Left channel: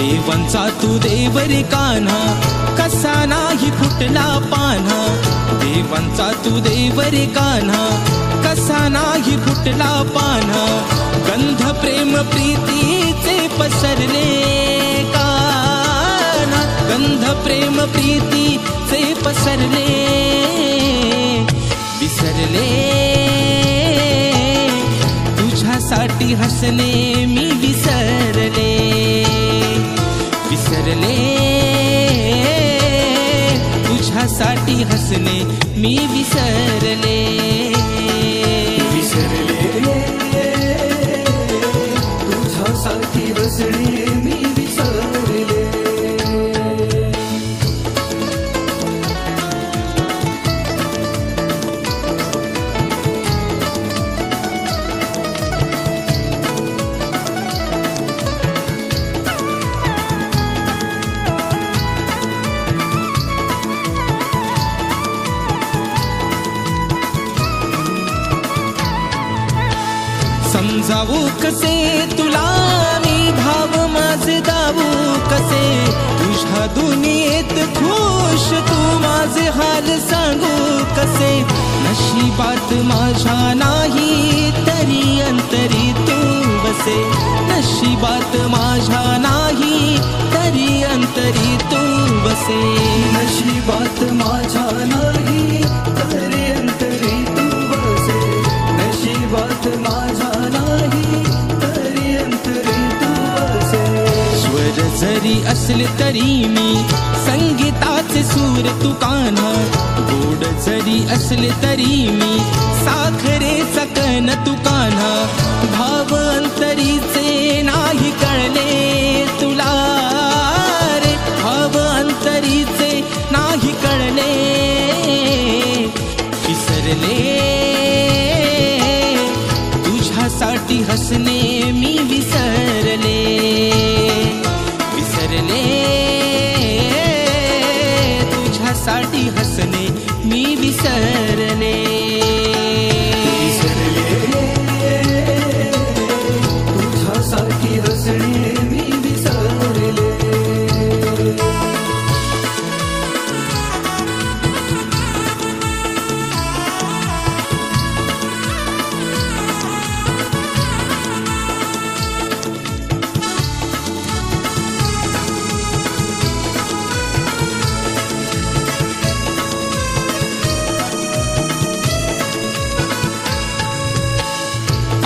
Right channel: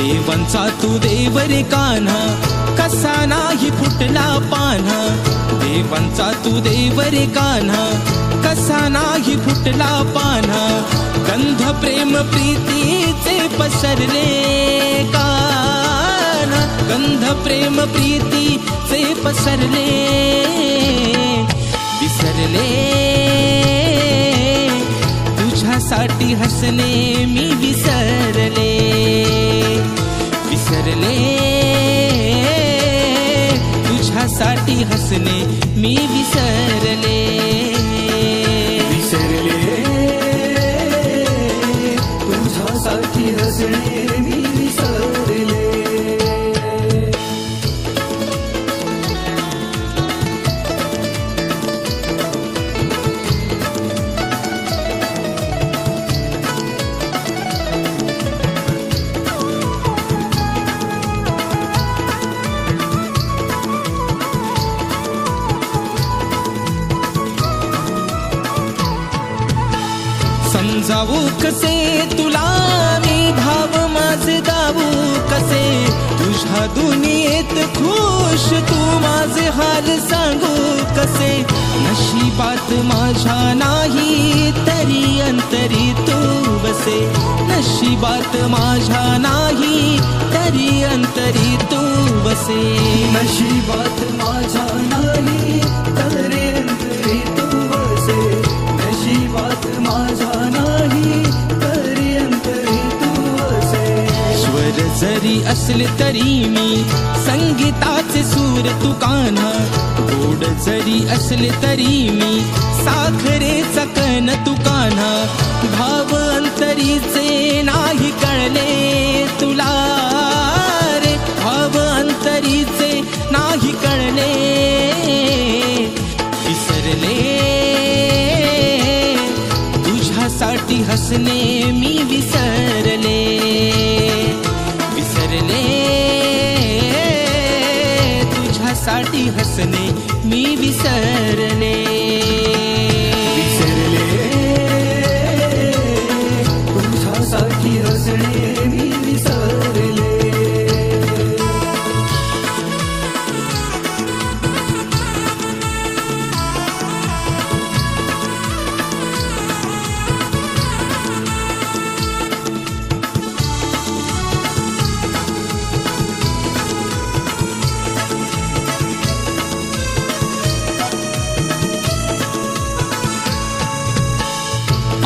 देवांचा तू देव रे कान्हा, कसा नाही फुटला पान्हा. देवांचा तू देव रे कान्हा, कसा नाही फुटला पान्हा. गंध प्रेम प्रीतीचे पसरले कान्हा, गंध प्रेम प्रीतीचे पसरले. विसरले तुझ्यासाठी हसणे मी विसरले. विसरले तुझ्यासाठी हसणे मी विसरले. तुझ्यासाठी हसणे मी विसरले. समजावू कसे तुला मी भाव माझे दावू कसे. तुझ्या दुनियेत खुश तू माझे हाल सांगू कसे. नशिबात माझ्या नाही तरी अंतरी तू बसे. नशिबात माझ्या नाही तरी अंतरी तू बसे. नशिबात माझ्या नाही तरी अंतरी तू बसे. नशिबात माझ्या नाही तरी अंतरी तू बसे. स्वर जरी असले तरी मी संगीताचे सूर तू कान्हा. गोड जरी असले तरी मी साखरेचा कण तू कान्हा. भाव अंतरीचे नाही कळले तुला रे. भाव अंतरीचे नाही कळले. विसरले तुझ्यासाठी हसणे मी विसरले. विसरले तुझ्यासाठी हसणे मी विसरले. तुझ्यासाठी हसणे मी विसरले.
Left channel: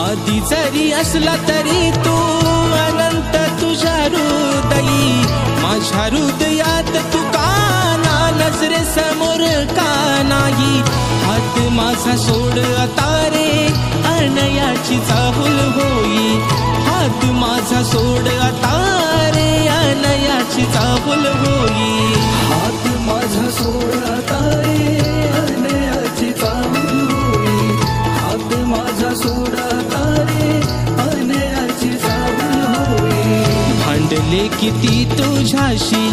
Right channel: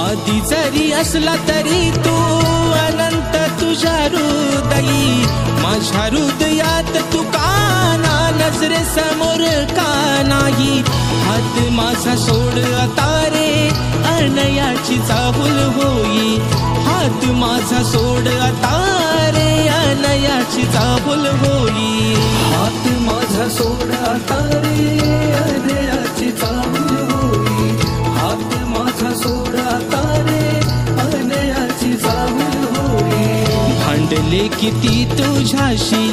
आदि जरी असला तरी तू अनंत तुझ्या हृदयी. माझ्या हृदयात तू काना नजरे समोर का नाही. हात माझा सोड आता रे अनयाची चाहूल होई. हात माझा सोड आता रे अनयाची चाहूल होई. हात माझा सोड आता रे अनयाची चाहूल होई. हात माझा सोड आता रे अनयाची चाहूल होई. भांडले किती तुझ्याशी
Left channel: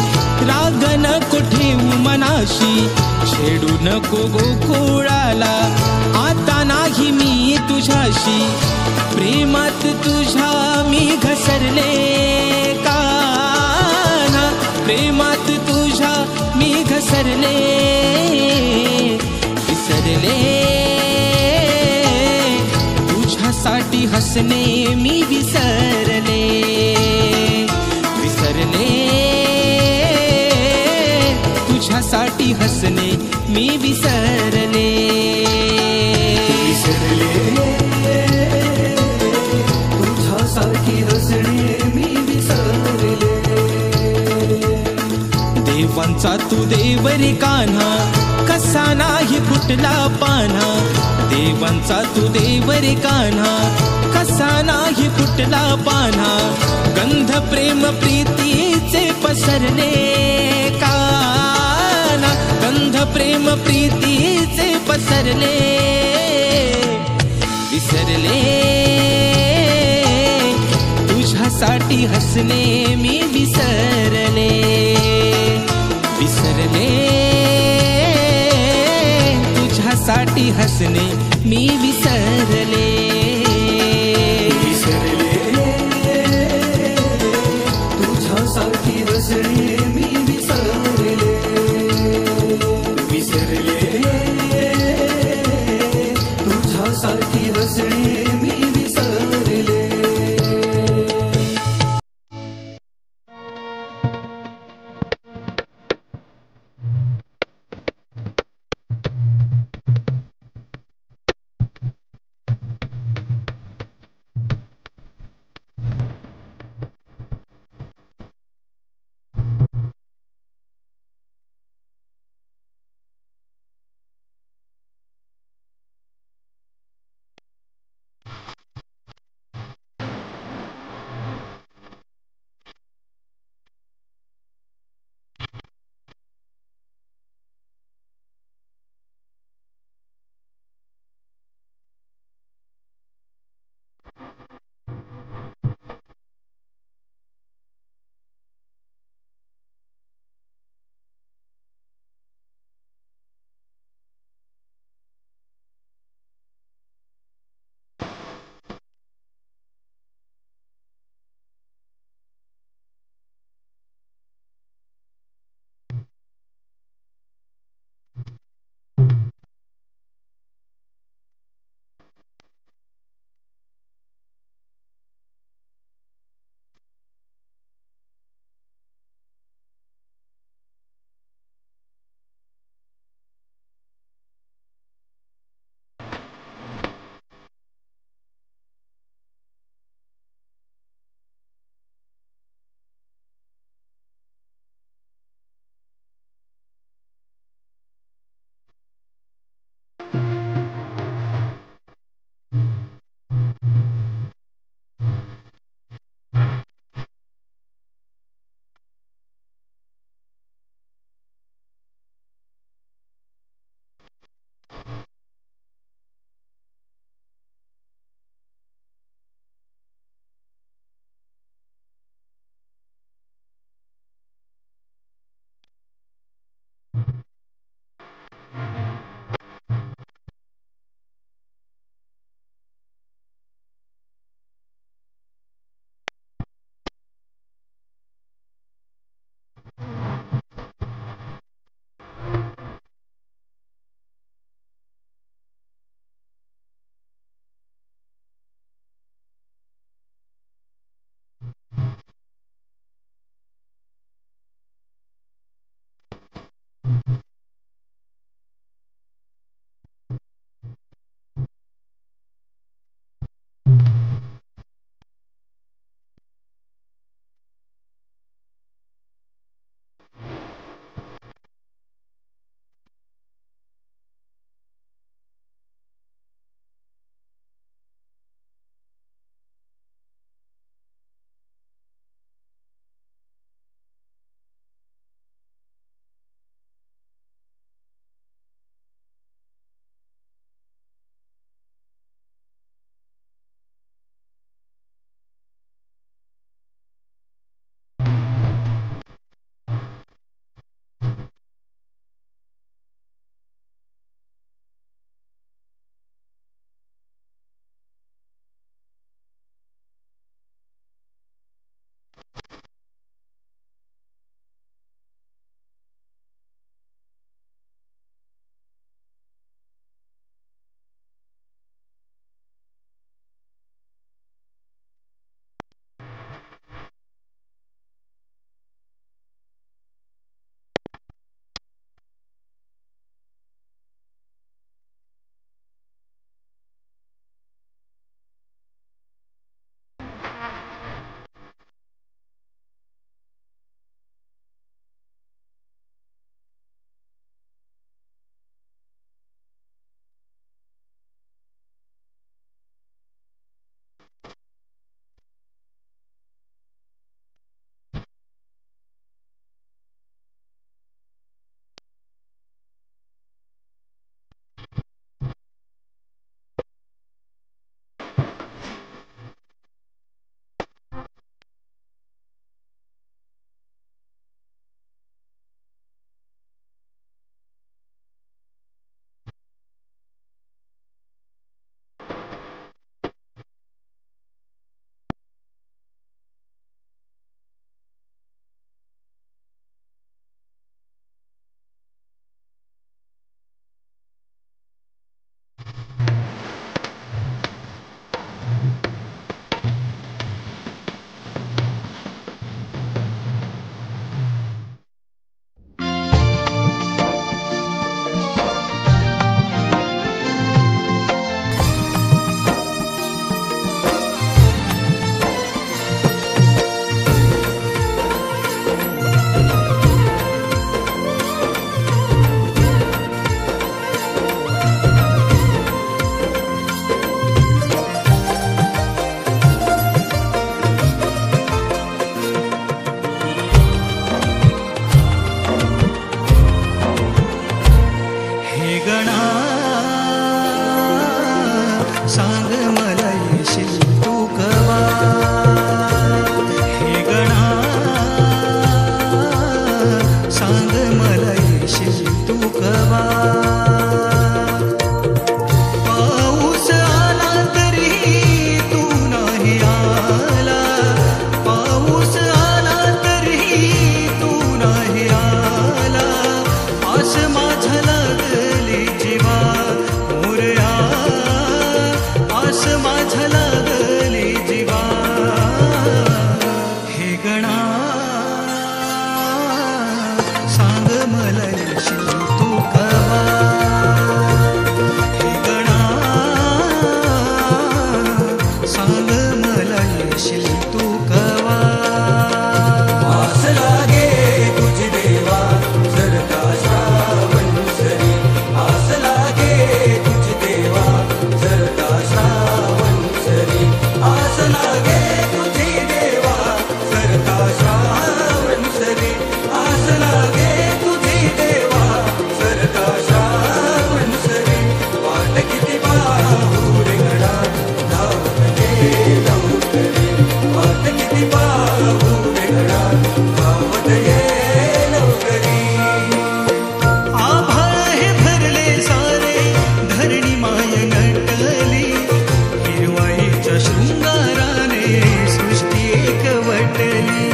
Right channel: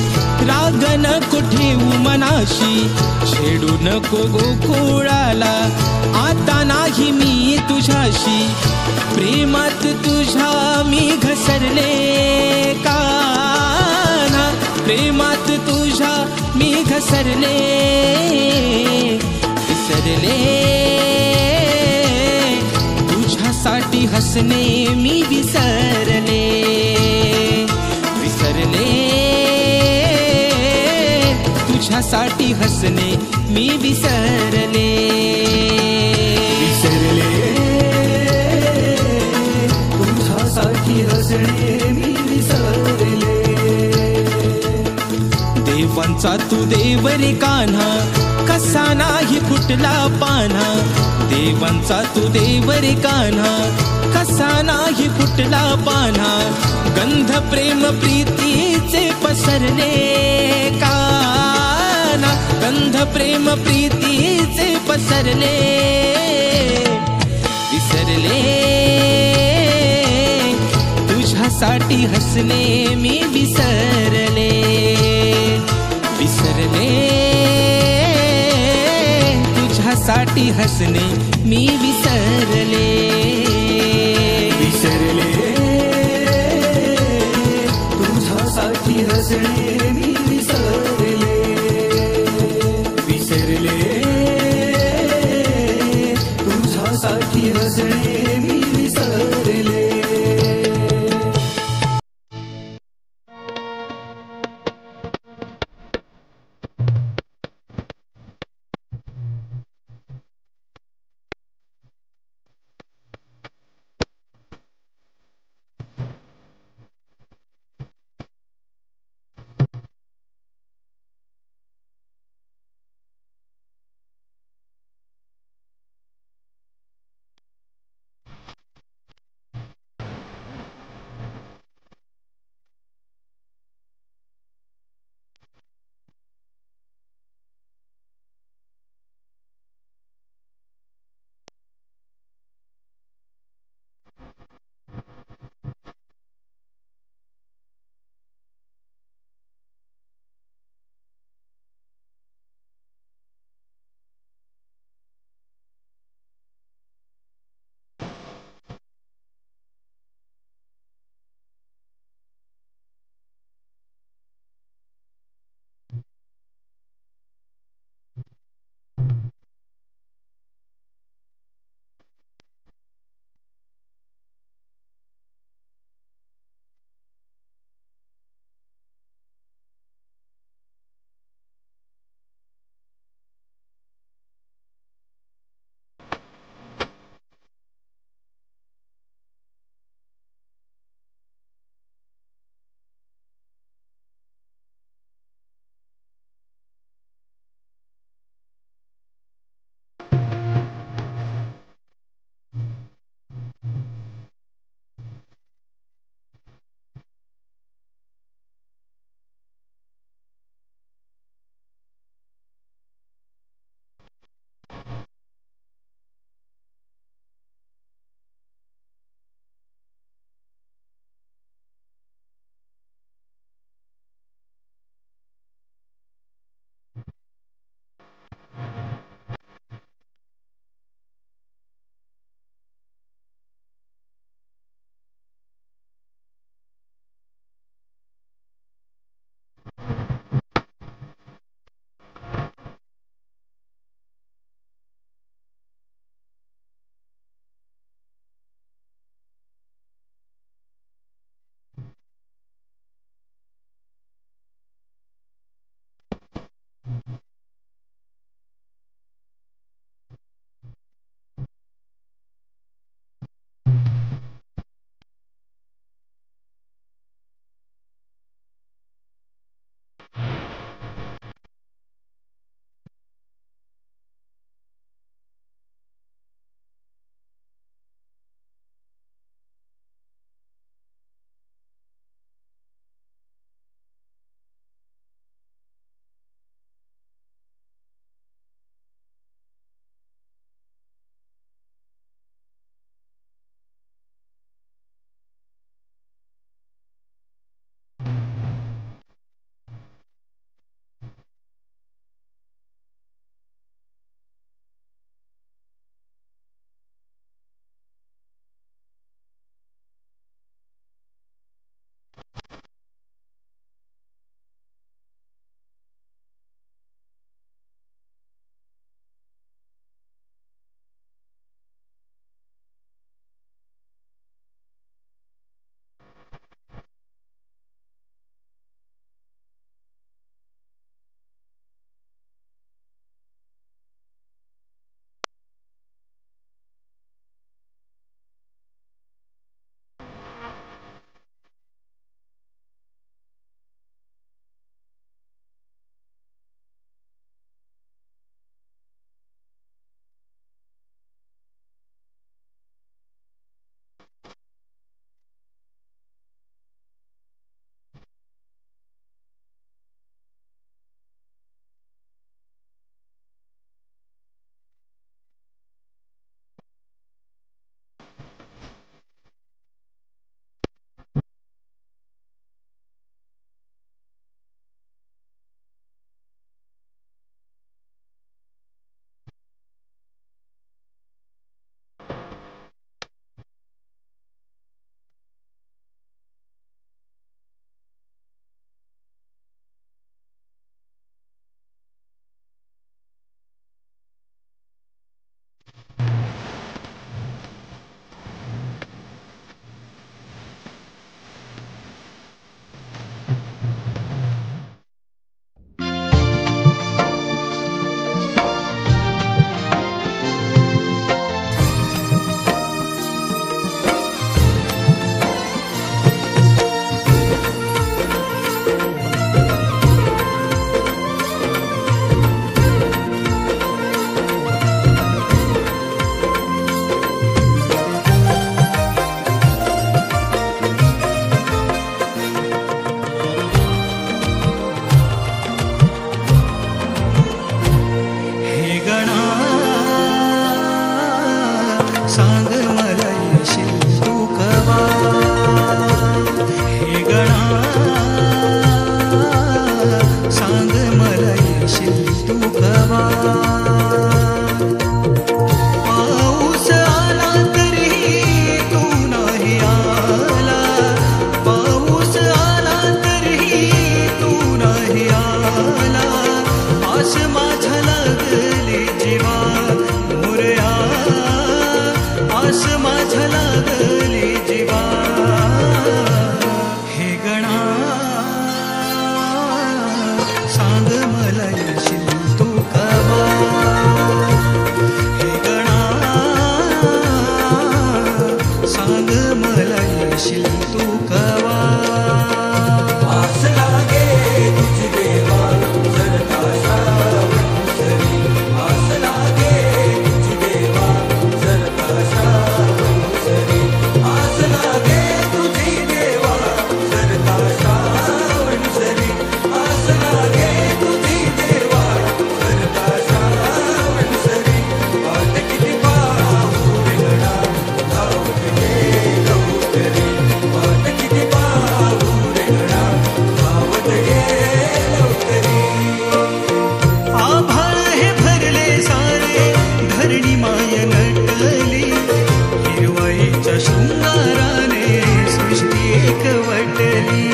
राग नको ठेवू मनाशी. छेडू नको गोकुळाला आता नाही मी तुझ्याशी. प्रेमात तुझ्या मी घसरले कान्हा. प्रेमात तुझ्या मी घसरले. विसरले तुझ्यासाठी हसणे मी विसरले. विसरले तुझ्यासाठी हसणे मी विसरले. तुझ्यासाठी हसणे मी विसरले. देवांचा तू देव रे कान्हा, कसा नाही फुटला पान्हा. देवांचा तू देव रे कान्हा, कसा नाही फुटला पान्हा. गंध प्रेम प्रीतीचे पसरले कान्हा. गंध प्रेम प्रीतीचे पसरले. विसरले तुझ्यासाठी हसणे मी विसरले. विसरले तुझ्यासाठी हसणे मी विसरले. तुझ्यासाठी हसणे मी विसरले, विसरले तुझ्यासाठी हसणे मी विसरले. तू कवा. पाऊस आला तरीही तू नाही आला, पाऊस आला तरीही तू नाही आला. आस माझ्या लागली जीवा मोरया, आस माझ्या लागली जीवा. हे गणा सांग मला येशील तू कवा. हे गणा सांग मला येशील तू कवा. आस लागे तुझी देवा जर का श्रावण सरी, आस लागे तुझी देवा जर का श्रावण सरी, आस लागे तुझी देवा जर का श्रावण सरी, आस लागे तुझी देवा जर का श्रावण सरी. वाट किती पाहू रेंगणा धावत ये लवकरी, वाट किती पाहू रेंगणा धावत ये लवकरी. आभाळ हे भरले सारे धरणी माय नटली, हिरवाईच्या शृंगाराने सृष्टी एकवटली.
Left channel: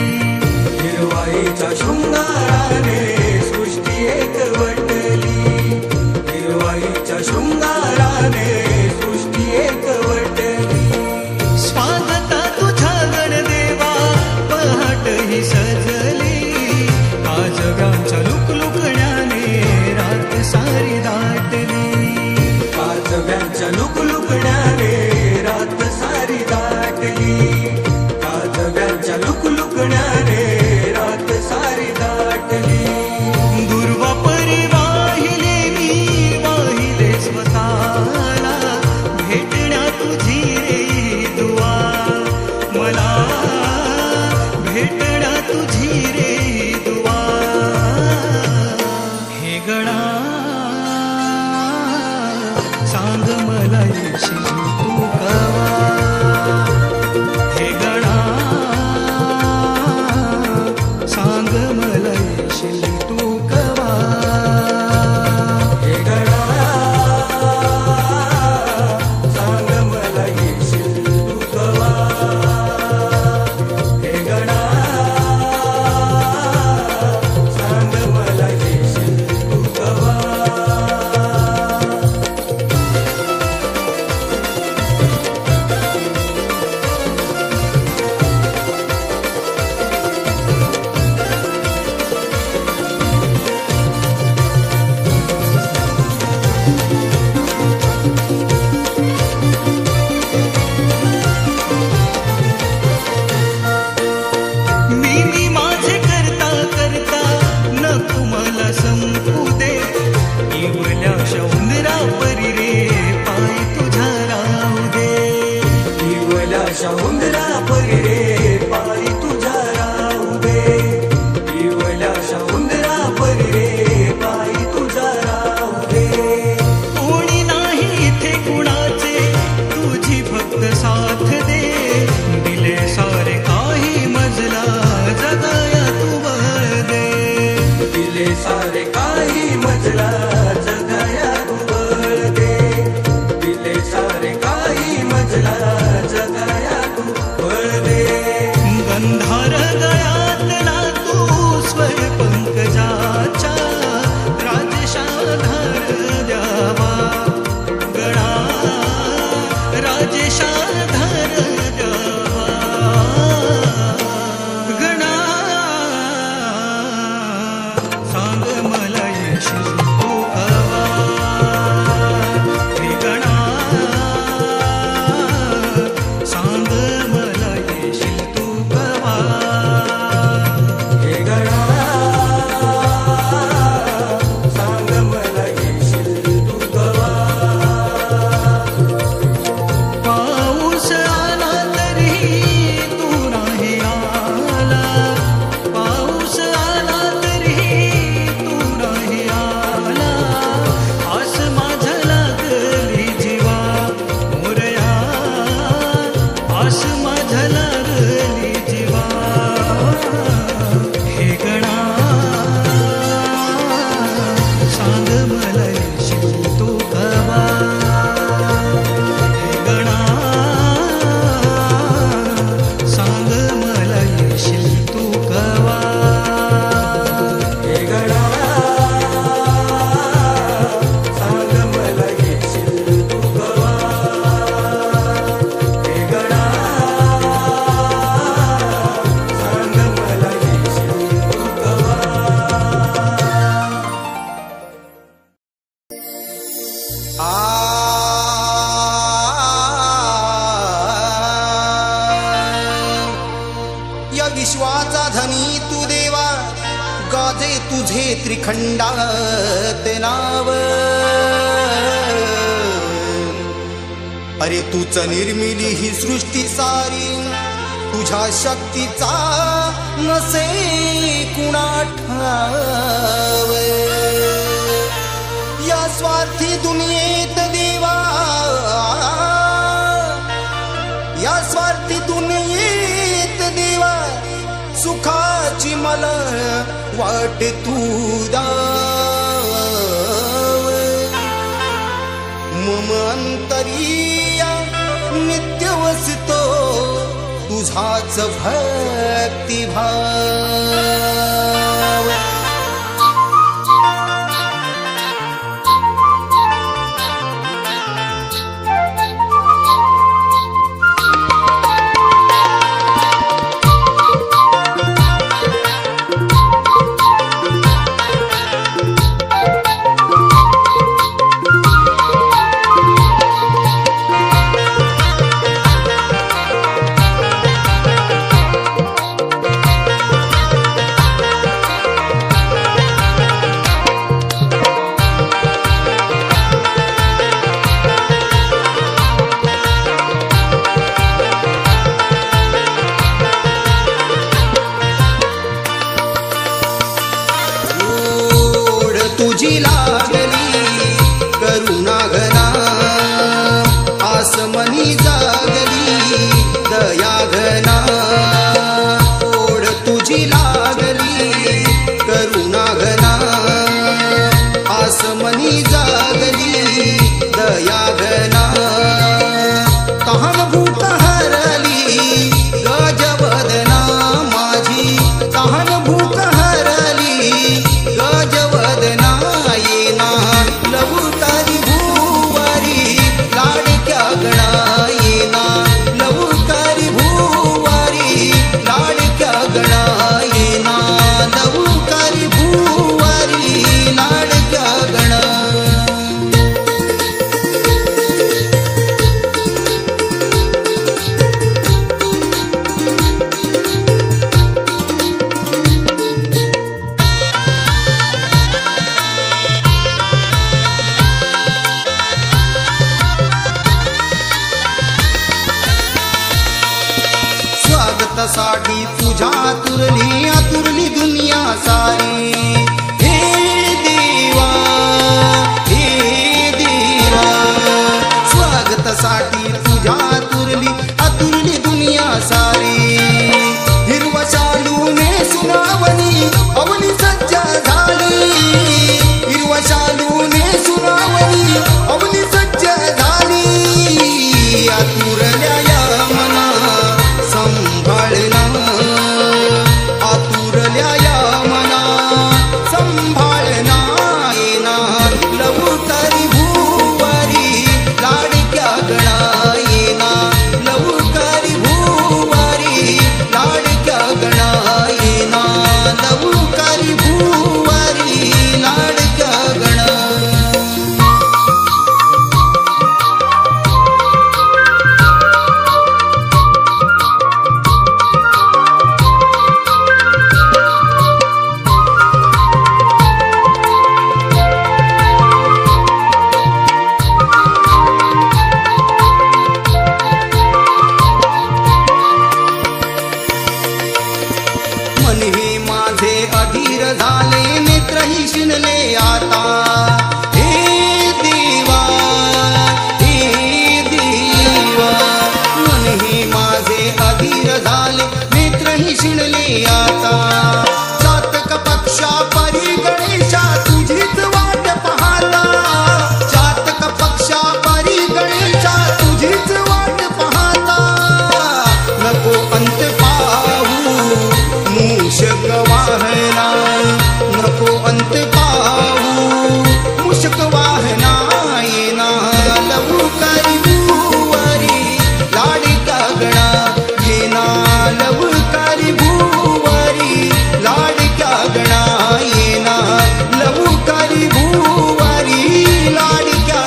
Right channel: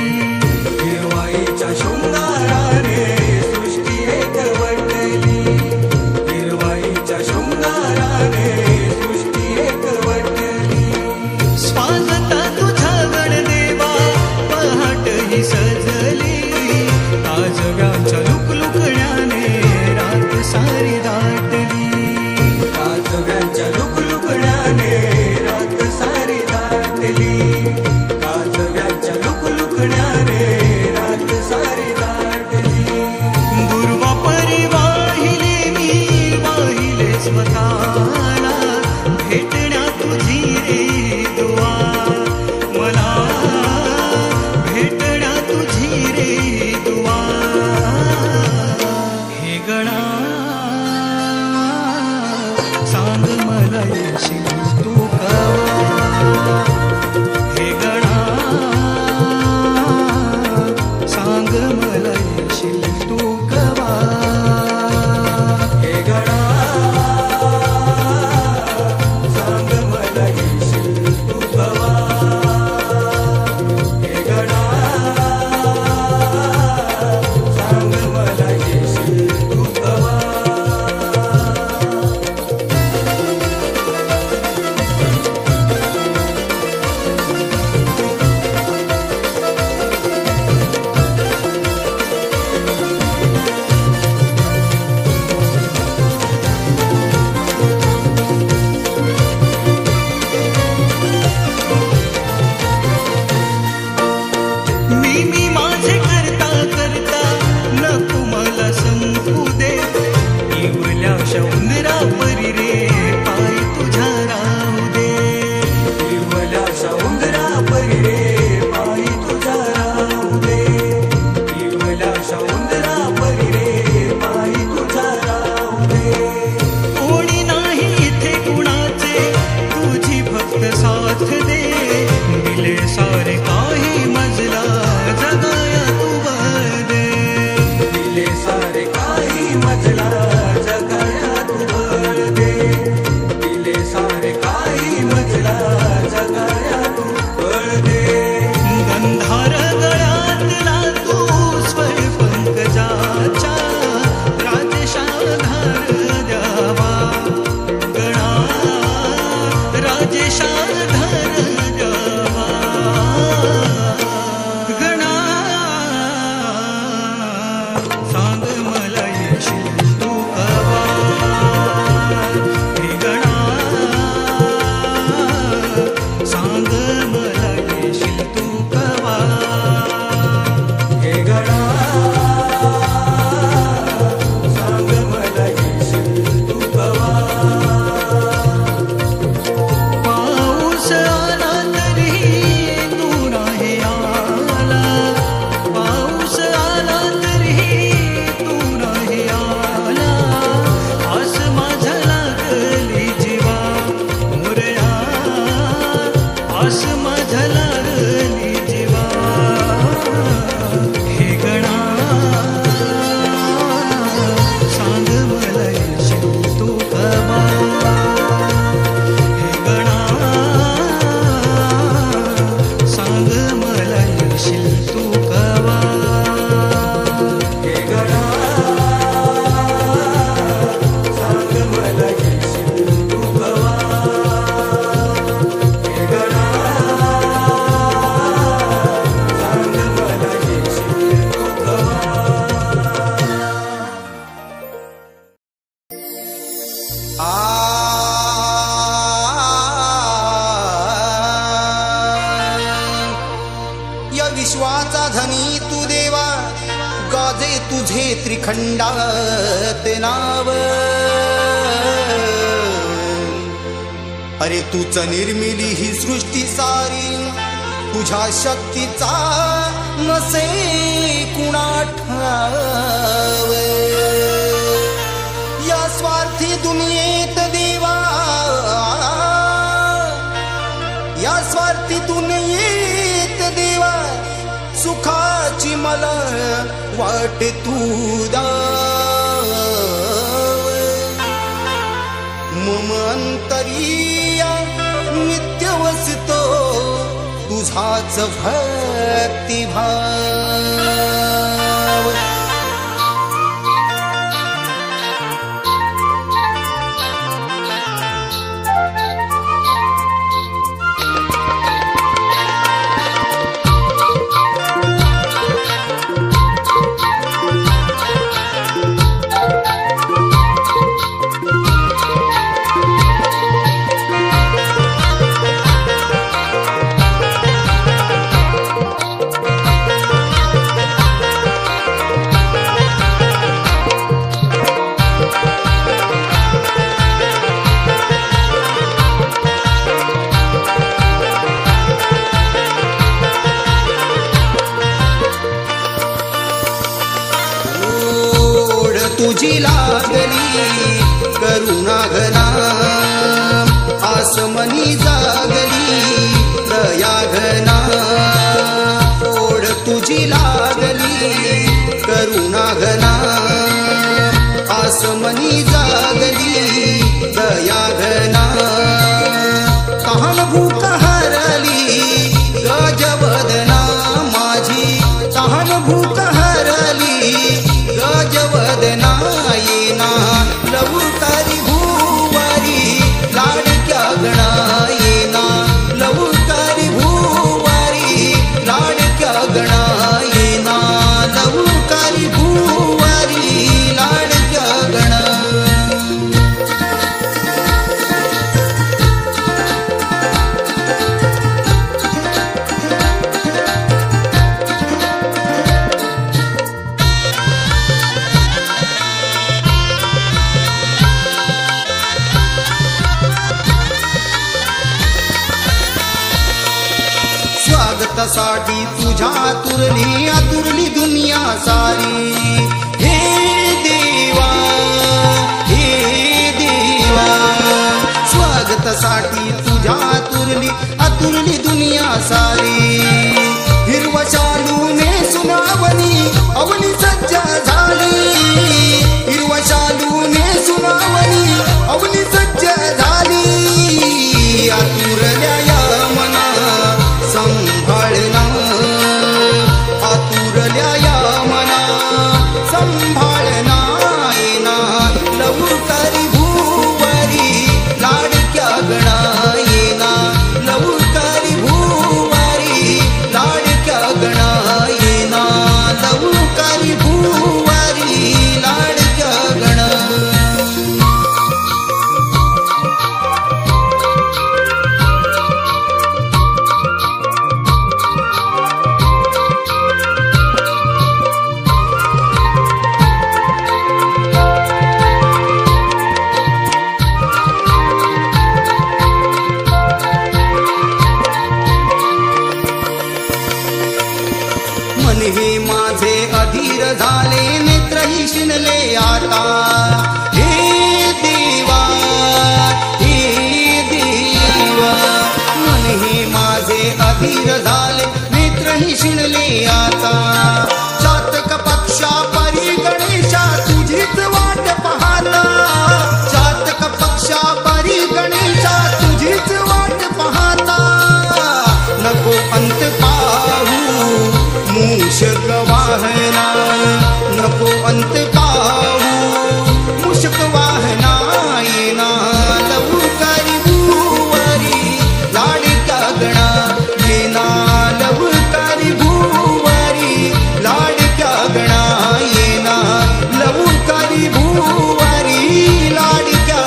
हिरवाईच्या शृंगाराने सृष्टी एकवटली, हिरवाईच्या शृंगाराने सृष्टी एकवटली. स्वागता तुझ्या गणदेवा पहाट ही सजली, काजव्यांच्या लुकलुकण्याने रात सारी दाटली. काजव्यांच्या लुकलुकण्याने रात सारी दाटली, काजव्यांच्या लुकलुकण्याने रात सारी दाटली. दुर्वापरी वाहिले मी वाहिले स्वतःला, भेटण्या तुझी रे दुआ मला, भेटण्या तुझी रे दुआ. हे गणा सांग मला येशील तू कवा. हे गणा सांग मला येशील तू कवा. हे गणा सांग मला येशील तू कवा. हे गणा सांग मला येशील तू कवा. मी माझे करता करता नको मला संपू दे. इवल्याशा उंदरा परी रे पाय तुझ्या राहू दे. इवल्याशा उंदरा परी रे पाय तुझ्या राहू दे. इवल्याशा उंदरा परी रे पाय तुझ्या राहू दे. कोणी नाही इथे कुणाचे तुझी फक्त साथ दे. दिले सारे काही मजला जगाया तू बळ दे. दिले सारे काही मजला जगाया तू बळ दे. दिले सारे मला येशील तू कवा हे गणा सांग मला येशील तू कवा या विश्वाचा धनी तू देवा गाजे तुझे त्रिखंडात नाव अरे तूच निर्मिली ही सृष्टी सारी तुझ्या शक्तीचा नसे कुणा ठाव या स्वार्थी दुनियेत देवा या स्वार्थी दुनियेत देवा सुखाची मला वाट तू दाव मम अंतरिया नित्य वसतो तुझाच भक्तिभाव तुझी लागली करुणा घना आसमनी जागली दया घना ओढ तुझी लागली करुणा घना आसमनी जागली दया घना तहान भूक हरली गजवदना माझी तहान भूक हरली गजवदना येना लवकारी भूवारी लाडक्या गणा येना लवकारी भूवारी लाडक्या गणा येना लवकारी भूवारी लाडक्या गणा स्वागतासाठी तुझ्या आतुरली दुनिया सारी हे देवा स्वागतासाठी तुझ्या आतुरली दुनिया सारी हिरवा शालूने सुनावणी अवनी सज्जा झाली हिरवा शालूने सुनावणी अवनी सज्जा झाली आतुरल्या या मना संभाळना आतुरल्या या मना संभाळना येना लवकारी भूवारी लाडक्या गणा येना लवकारी भूवारी लाडक्या गणा येना लवकारी भूवारी लाडक्या गणा हे माझे अधीर झाले नेत्रही शिनले आता हे देवा मन हे माझे अधीर झाले नेत्रही शिनले आता चातक पक्षा परी गणेशा तुझीच वाट पाहता अंत पाहू मूषक वाहना, नको अंत पाहू मूषक वाहना. येना लवकरी भुवरी लाडक्या गणा, येना लवकरी भुवरी लाडक्या गणा. येना लवकरी भुवरी लाडक्या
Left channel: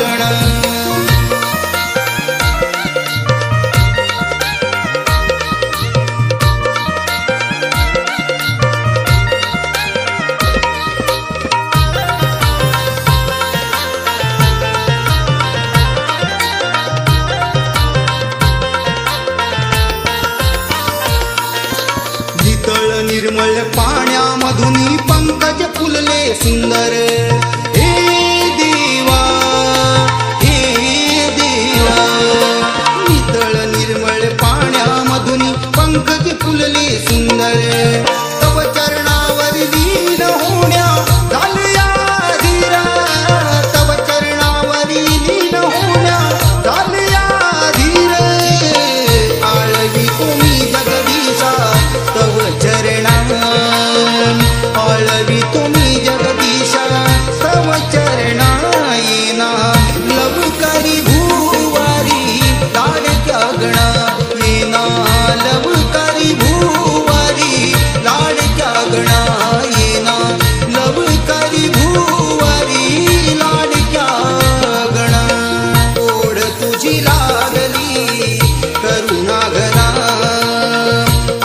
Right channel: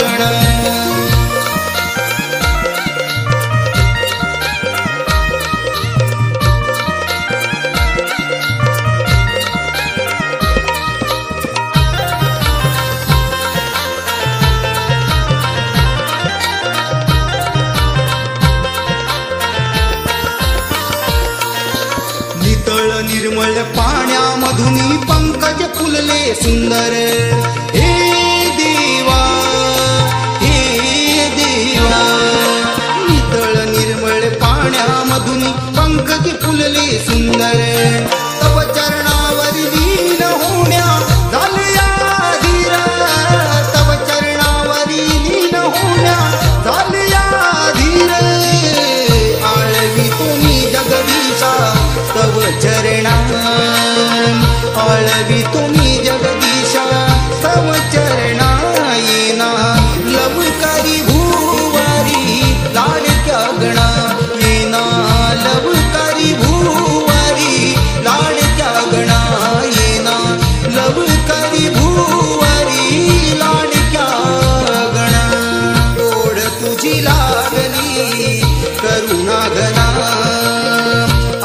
गणा. नितळ निर्मळ पाण्यामधून पंकज फुलले सुंदर. हे देवा हे देवा, नितळ निर्मळ पाण्यामधून पंकज फुलले सुंदर. तव चरणावर लीन होण्या झालया धीर, तव चरणावर लीन होण्या झालया धीर. आळवी तुम्ही जगदीशा तव चरणा, आळवी तुम्ही जगदीशा तव चरणा. येना लवकरी भुवारी लाडक्या गणा, येना लवकरी भुवारी लाडक्या गणा. येना लवकरी भुवारी लाडक्या गणा. ओढ तुझी लागली करुणा घना,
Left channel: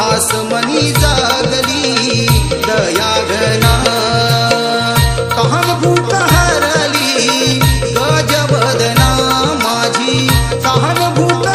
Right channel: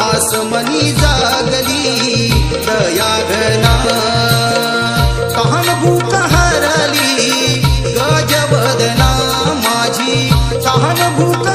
आसमनी जागली दया घना. तहान भूक हरली गजबदना माझी, तहान भूक